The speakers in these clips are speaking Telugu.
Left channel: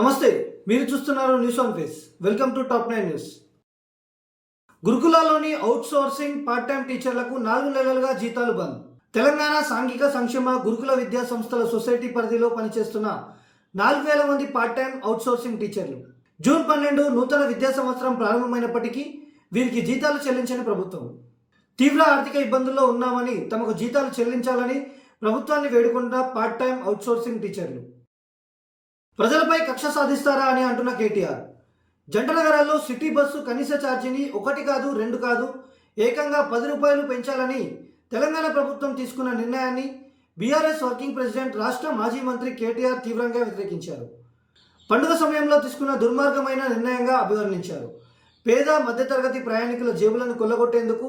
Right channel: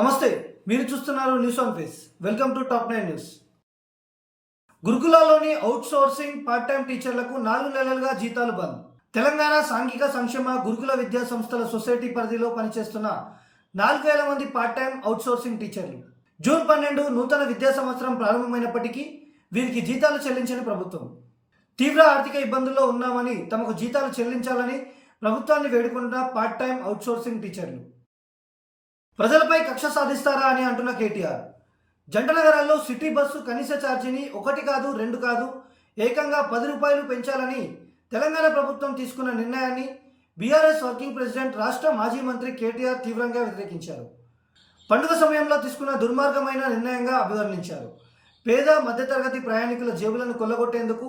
నమస్తే, మీరు చూస్తున్నారు news on face. Welcome to top 9 news. గురుకులాల్లోని అవుట్ సోర్సింగ్ పార్ట్ టైం టీచర్లకు 4 నెలలుగా జీతాలు బంద్. తెలంగాణ సాంఘిక సంక్షేమ గురుకుల విద్యా సంస్థల సొసైటీ పరిధిలో పనిచేస్తున్న 4,000 మంది పార్ట్ టైం అవుట్ సోర్సింగ్ టీచర్లు జూన్ 12 నూతన విద్యా సంవత్సరం ప్రారంభమైనప్పటికీ వీరికి జీతాలు చెల్లించని ప్రభుత్వం. తీవ్ర ఆర్థిక ఇబ్బందుల్లో ఉన్నామని తమకు జీతాలు చెల్లించాలని ప్రభుత్వాన్ని వేడుకుంటున్న పార్ట్ టైం అవుట్ సోర్సింగ్ టీచర్లు. ప్రజలపై కక్ష సాధిస్తారా అని అంటున్న కేటీఆర్. జంట నగరాల్లో సిటీ బస్సు కనీస ఛార్జీని 1 కాదు 2 కాదు ఏకంగా 10 రూపాయలు పెంచాలని తెలంగాణ ప్రభుత్వం తీసుకున్న నిర్ణయాన్ని బీఆర్ఎస్ వర్కింగ్ ప్రెసిడెంట్ రాష్ట్ర మాజీ మంత్రి కేటీఆర్ తీవ్రంగా వ్యతిరేకించారు. పండుగ సమయంలో తీసుకున్న దుర్మార్గమైన నిర్ణయంగా అభివర్ణించారు. పేద మధ్యతరగతి ప్రయాణికుల జేబులను కొల్లగొట్టేందుకు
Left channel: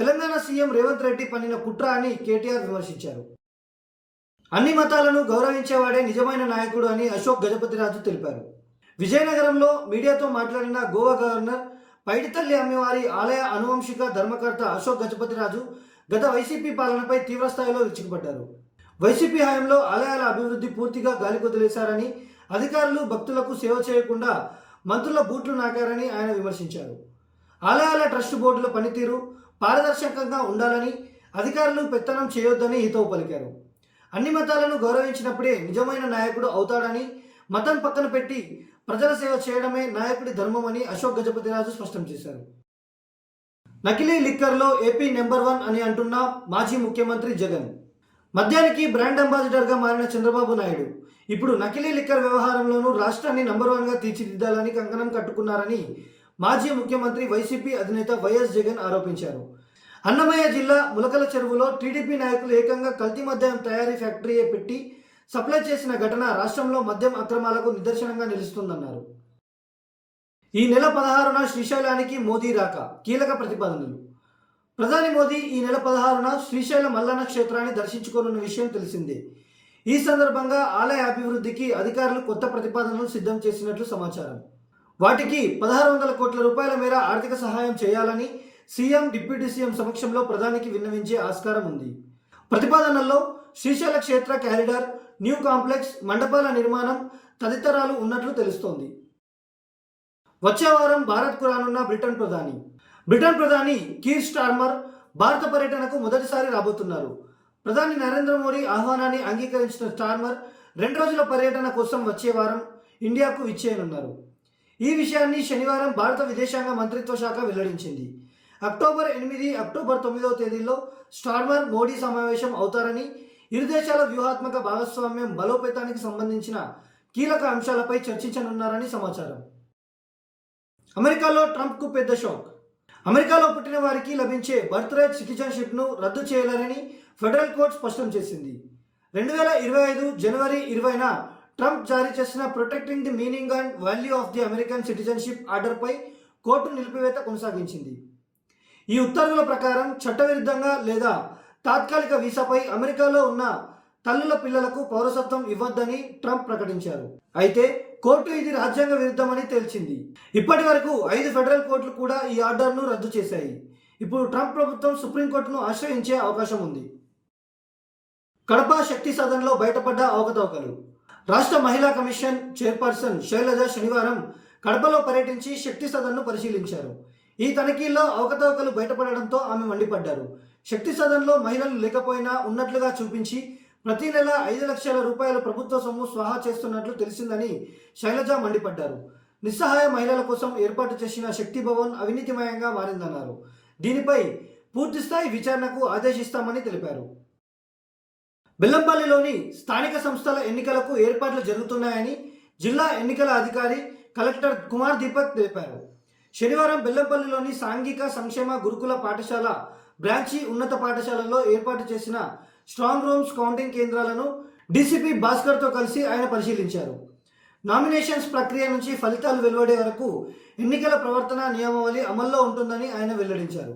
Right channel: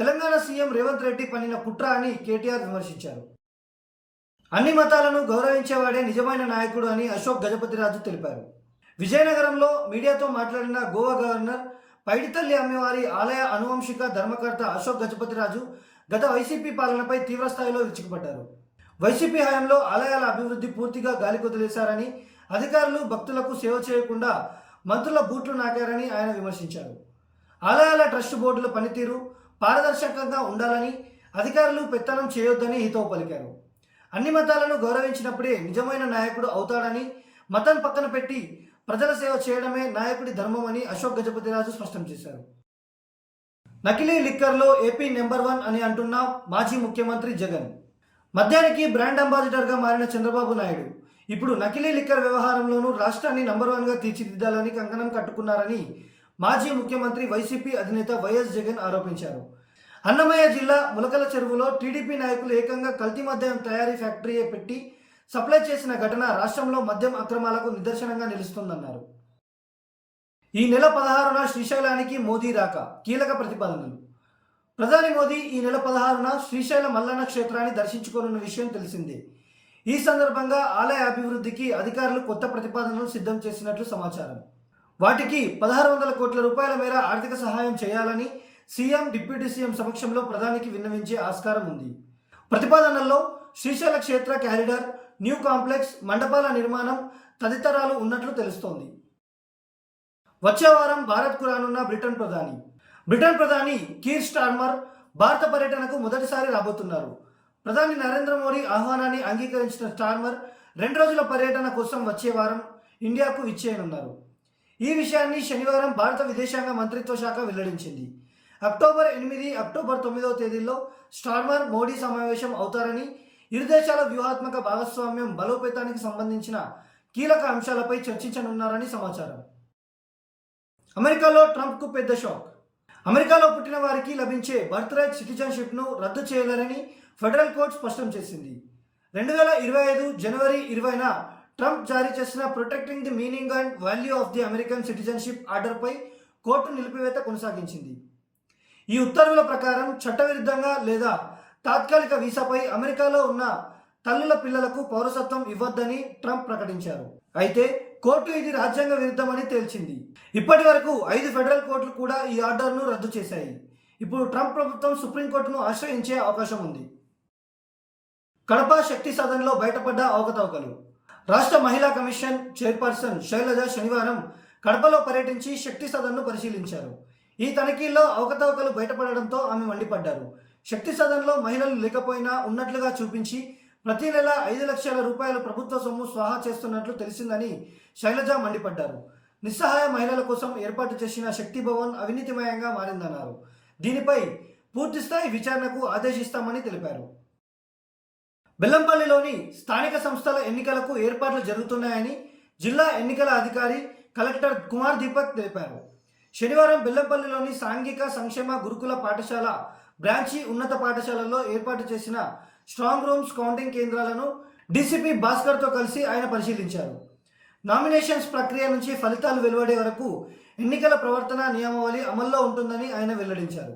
తెలంగాణ సీఎం రేవంత్ రెడ్డి పన్నిన కుట్ర అని కేటీఆర్ విమర్శించారు. అన్ని మతాలను గౌరవించేవాడే నిజమైన నాయకుడు అని అశోక్ గజపతిరాజు తెలిపారు. విజయనగరంలో మీడియాతో మాట్లాడిన గోవా గవర్నర్ పైడితల్లి అమ్మవారి ఆలయ అనువంశిక ధర్మకర్త అశోక్ గజపతిరాజు గత వైసీపీ పాలనపై తీవ్రస్థాయిలో విరుచుకుపడ్డారు. వైసీపీ హయాంలో ఆలయాల అభివృద్ధి పూర్తిగా గాలికొదిలేశారని, అధికారులు భక్తులకు సేవ చేయకుండా మంత్రుల బూట్లు నాకారని ఆయన విమర్శించారు. ఆలయాల ట్రస్ట్ బోర్డుల పనితీరు పారదర్శకంగా ఉండాలని, అధికారులు పెత్తనం చేయొద్దని హితవు పలికారు. అన్ని మతాలను గౌరవించినప్పుడే నిజమైన నాయకుడు అవుతాడని, మతం పక్కన పెట్టి ప్రజల సేవ చేయడమే నాయకుడి ధర్మమని అశోక్ గజపతిరాజు స్పష్టం చేశారు. నకిలీ లిక్కర్లో ఏపీ నెంబర్ 1 అని అంటున్న మాజీ ముఖ్యమంత్రి జగన్. మద్యానికి బ్రాండ్ అంబాసిడర్గా మారిన చంద్రబాబు నాయుడు ఇప్పుడు నకిలీ లిక్కర్ వ్యవహారంలోనూ రాష్ట్రాన్ని నంబర్ 1గా తీర్చిదిద్దాలని కంకణం కట్టుకున్నారని మాజీ ముఖ్యమంత్రి వైసీపీ అధినేత వైఎస్ జగన్ ఆరోపించారు. అన్నమయ్య జిల్లా ములకల చెరువులో టీడీపీ నాయకులు ఏకంగా కల్తీ మద్యం తయారీ ఫ్యాక్టరీయే పెట్టి సప్లై చేసిన ఘటన రాష్ట్రంలో మద్యం అక్రమాలకు నిదర్శనంగా నిలుస్తుందన్నారు. ఈ నెల 16న శ్రీశైలానికి మోదీ రాక కీలక ప్రతిపాదనలు. ప్రధాని మోదీ ఈ నెల 16న శ్రీశైల మల్లన్న క్షేత్రాన్ని దర్శించుకోనున్న విషయం తెలిసిందే. ఈ సందర్భంగా ఆలయ అభివృద్ధికి అధికారులు కొత్త ప్రతిపాదనలు సిద్ధం చేసినట్లు సమాచారం. వాటికి 1,600 కోట్ల రూపాయల మేర ఆర్థిక సహాయం చేయాలని సీఎం, డిప్యూటీ సీఎం సమక్షంలో ప్రధానికి విన్నవించే ఆస్కారం ఉంది. ప్రతిపాదనల్లో శ్రీశైల క్షేత్ర క్యారిడార్, న్యూ కాంప్లెక్స్, మండపాల నిర్మాణం తదితరాలు ఉన్నట్లు తెలుస్తోంది. వచ్చే వారం భారత్కు రానున్న బ్రిటన్ ప్రధాని కీర్ స్టార్మర్ భారత పర్యటనకు మొదటిసారి రాబోతున్నారు. ప్రధాని నరేంద్ర మోడీ ఆహ్వానాన్ని అంగీకరించిన స్టార్మర్ 2 రోజుల పర్యటన కోసం వచ్చే వారం ఇండియాకు విచ్చేయనున్నారు. ఈ విషయాన్ని శనివారం భారత విదేశాంగ మంత్రిత్వ శాఖ వెల్లడించింది. అక్టోబర్ 8, అక్టోబర్ 9 తేదీల్లో స్టార్మర్ మోడీ సమావేశం అవుతారని, ఇరు దేశాల వ్యూహాత్మక భాగస్వామ్యం బలోపేతానికి సంబంధించిన కీలక అంశాలపై చర్చించనున్నారని సమాచారం. అమెరికాలో ట్రంప్కు పెద్ద షాక్. అమెరికాలో పుట్టిన వారికి లభించే బర్త్ రైట్ సిటిజన్షిప్ను రద్దు చేయాలని ఫెడరల్ కోర్టు స్పష్టం చేసింది. 2025 జనవరి 20న ట్రంప్ జారీ చేసిన protecting the meaning and value of the American citizenship ఆర్డర్పై కోర్టు నిలిపివేత కొనసాగించింది. ఈ ఉత్తర్వుల ప్రకారం చట్టవిరుద్ధంగా లేదా తాత్కాలిక వీసాపై అమెరికాలో ఉన్న తల్లుల పిల్లలకు పౌరసత్వం ఇవ్వొద్దని ట్రంప్ ప్రకటించారు. అయితే కోర్టు ఇది రాజ్యాంగ విరుద్ధమని తేల్చింది. ఇప్పటి వరకు 5 ఫెడరల్ కోర్టులు కూడా ఈ ఆర్డర్ను రద్దు చేశాయి. ఇప్పుడు ట్రంప్ ప్రభుత్వం సుప్రీంకోర్టును ఆశ్రయించే అవకాశం ఉంది. కడప శక్తి సదన్లో బయటపడ్డ అవకతవకలు. రాష్ట్ర మహిళా కమిషన్ చైర్పర్సన్ శైలజ శనివారం కడపలో పర్యటించి శక్తి సదన్ను పరిశీలించారు. ఈ తనిఖీల్లో అవకతవకలు బయటపడడంతో ఆమె మండిపడ్డారు. శక్తి సదన్లో మహిళలు లేకపోయినా ఉన్నట్లుగా చూపించి ప్రతి నెల 5 లక్షల రూపాయల ప్రభుత్వ సొమ్ము స్వాహా చేస్తున్నట్లు తెలిసిందని శైలజ మండిపడ్డారు. నిస్సహాయ మహిళల కోసం ఏర్పాటు చేసిన శక్తి భవన్ అవినీతిమయంగా మారిందన్నారు. దీనిపై పూర్తిస్థాయి విచారణకు ఆదేశిస్తామని తెలిపారు. బెల్లంపల్లిలోని స్థానిక సంస్థల ఎన్నికలకు ఏర్పాట్లు జరుగుతున్నాయని జిల్లా ఎన్నికల అధికారి కలెక్టర్ కుమార్ దీపక్ తెలిపారు. శనివారం బెల్లంపల్లిలోని సాంఘిక సంక్షేమ గురుకుల పాఠశాల బ్రాంచి ఉన్నత పాఠశాలలో ఏర్పాటు చేసిన స్ట్రాంగ్ రూమ్స్ కౌంటింగ్ కేంద్రాలను డీసీపీ భాస్కర్తో కలిసి ఆయన పరిశీలించారు. నామినేషన్స్ ప్రక్రియ నుంచి ఫలితాలు వెలువడే వరకు ఎన్నికల ప్రవర్తన నియమావళి అమల్లో ఉంటుందని ఆయన వెల్లడించారు.